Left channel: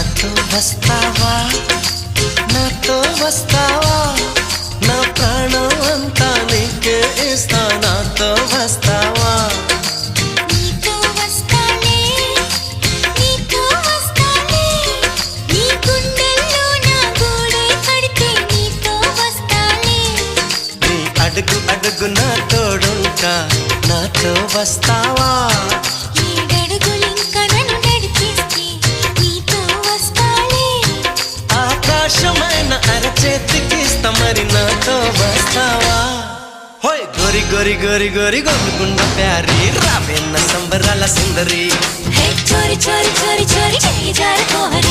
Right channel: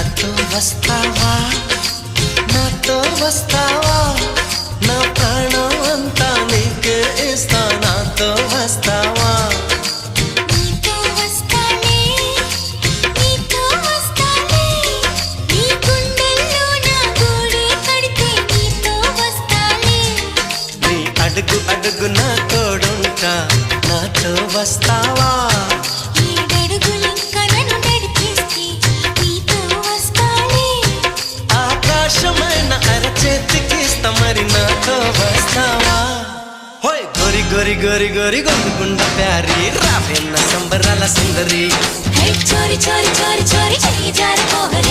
నాతో వస్తావా నాతో వస్తావా నా ప్రాణం అంతా నీకే ఇస్తా నాతో వస్తావా నీతో వస్తాలే నీతో వస్తాలే నీ గుండెల్లో నా గూడే కడితే నీతో వస్తాలే నీ అడుగు అడుగు నా తోడుంటా నాతో వస్తావా ఏడడుగులింకా నన్ను నడిపిస్తే నీతో వస్తాలే ఆకాశమైన అరచేతికిస్తా మరి నాతో వస్తావా హోయ్ గోరి గోరి గోరి గోరి గొంగుండ ప్యారి రావేన్న సంబరాల సుందరి చోరి చోరి చోరి చోరి చెయ్యి జారి